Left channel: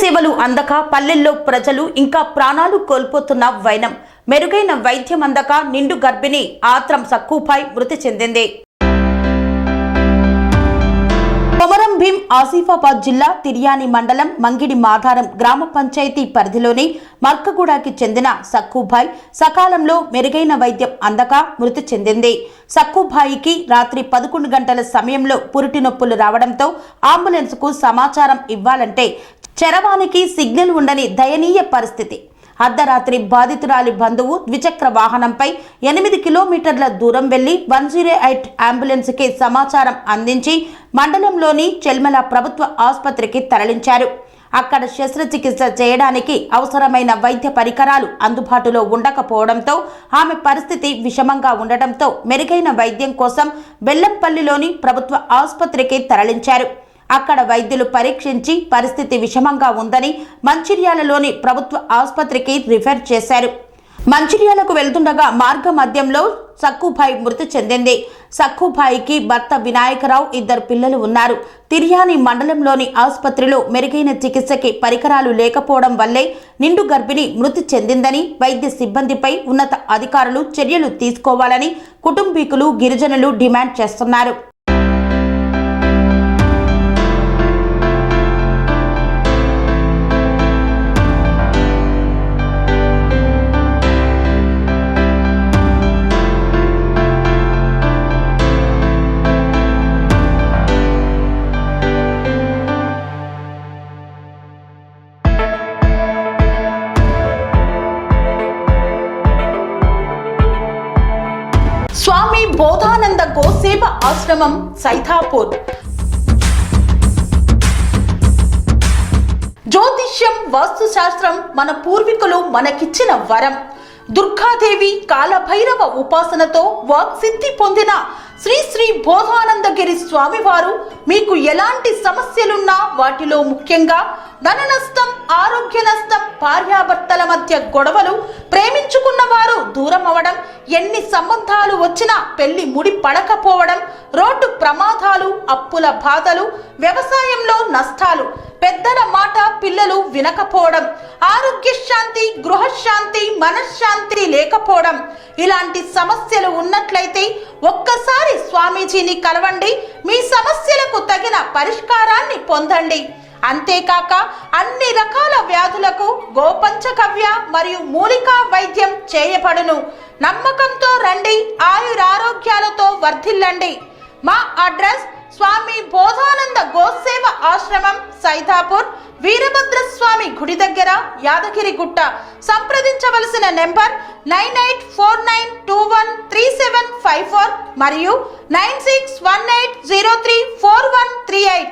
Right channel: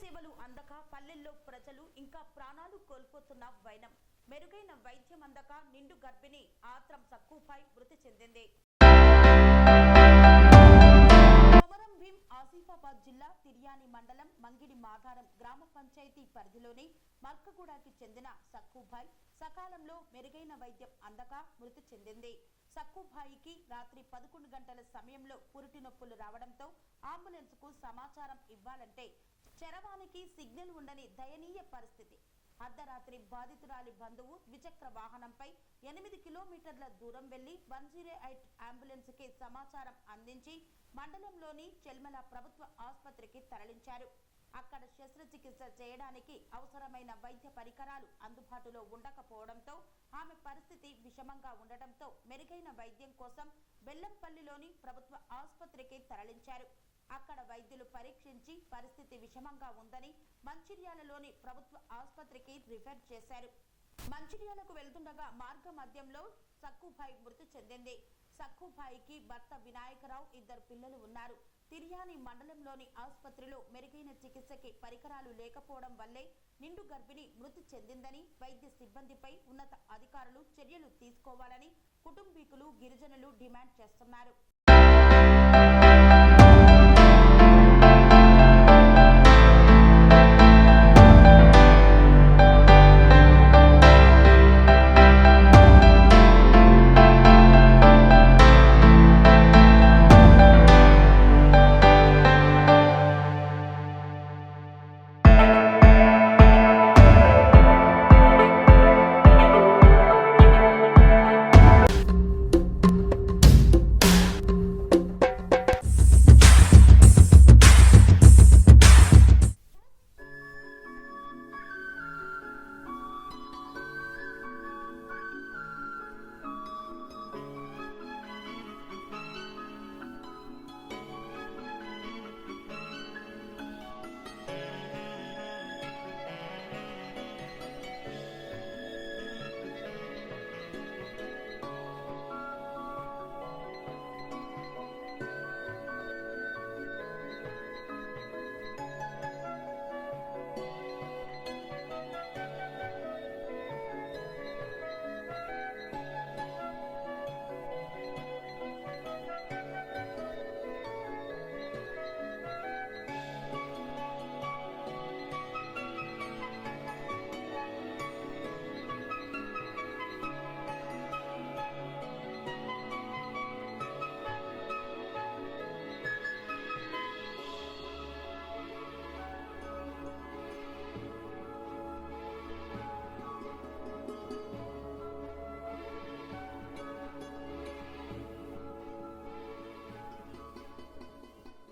సేవలు అందక పల్లెల్లో ప్రజలు ఇంకా ప్రాణాలు కోల్పోతున్న వైనం. మెరుగైన వైద్యం అందక నిండు గర్భిణి ఆత్రం సక్కుపై మృతి చెందింది. కొమరం భీం ఆసిఫాబాద్ జిల్లా తిర్యాని మండలం మంగిడి మాధారం గ్రామ పంచాయతీ పరిధిలోని మర్కగూడకి చెందిన సక్కుభాయ్ సకాలంలో మెరుగైన వైద్యం అందక మృతి చెందింది. సక్కుభాయికి రాత్రి 11 గంటల సమయంలో పురిటి నొప్పులు రావడంతో అంబులెన్స్ కు సమాచారం ఇవ్వాలంటే చరవానికి సిగ్నల్ ఉండని దయనీయ పరిస్థితి. అర్ధరాత్రి బాధితురాలి బంధువు ద్విచక్ర వాహనంపై 8 కిలోమీటర్ల దూరం వెళ్లి 108 అంబులెన్స్ కి సమాచారం అందించి మండలంలోని చెల్మల ప్రభుత్వ ఆసుపత్రికి తరలించారు. అక్కడ శస్త్రచికిత్స చేయడానికి అవసరమైన వైద్య పరికరాలు అందుబాటులో ఉండకపోవడంతో ఆమె పరిస్థితి విషమంగా ఉండటంతో మెరుగైన వైద్యం కోసం బెల్లంపల్లిలోని ప్రభుత్వ ఆసుపత్రికి తరలించారు. అక్కడ వైద్యులు పరీక్షించి పరిస్థితి విషమంగా ఉందని మంచిర్యాలలోని ప్రభుత్వ ఆసుపత్రికి రిఫర్ చేశారు. మంచిర్యాలకు వెళ్తుండగా మార్గ మధ్యంలో సక్కుభాయ్ మృతి చెందింది. సక్కుభాయికి భర్త వినాయకరావు 2 పిల్లలు ఉన్నారు. తిర్యాని మండలంలోని ఆసుపత్రిలో మెరుగైన చికిత్సకి పరికరాలు లేకపోవడం వల్లే నిండు గర్భిణి మృతి చెందిందని వైద్య సిబ్బందిపై ఉన్నత అధికారులు చర్యలు తీసుకోవాలని కుటుంబీకులు గిరిజనులు డిమాండ్ చేస్తున్నారు. స్వామి బోధానంద గోసేవ ఆశ్రమం సైతాపూర్. జ్యోతిష్యం వాస్తుశాస్త్రం మన పూర్వీకులు మనకిచ్చిన వరం. దుర్గాదేవి కాలభైరవ ఉపాసనతో వాక్సిద్ధి పొందిన శ్రీ శ్రీ బోధానందగిరి స్వామివారు మీకు ఎలాంటి సమస్యలున్నా వాటిలో ముఖ్యంగా ధన నష్టం, ఆరోగ్య నష్టం, భార్యాభర్తల మధ్య గొడవలు, ప్రేమించుకున్న వారు దూరం అవడం, ఎన్ని సంబంధాలు వచ్చినా పెళ్లి ముడి పడకపోవడం, రోడ్డు ప్రమాదాలు, అప్పుల బాధలు, వ్యవసాయంలో నష్టాలు, పెద్దల మాట పిల్లలు వినకపోవడం, ఆరోగ్య శాంతి, గృహశాంతి, మనశ్శాంతి లేకపోవడం, ఇలాంటి సమస్యలు ఉన్నట్లయితే ఒక్కసారి స్వామీజీని కలవండి. మీ సమస్యలకు తగిన పరిష్కారాన్ని పొందండి. అంతేకాక అన్ని రకాల వ్యాధులకు గోపంచగవ్య మరియు మూలికా వైద్యం చేయబడును. నమ్మకంతో రండి, ఆయురారోగ్యాలతో వర్ధిల్లండి. మా అడ్రస్ స్వామి బోధానంద గోసేవ ఆశ్రమం సైతాపూర్, వీరభద్రస్వామి గుడి దగ్గర, యాదగిరిగుట్ట. సంప్రదించవలసిన నెంబర్ 9849213754 మరియు 9618034138.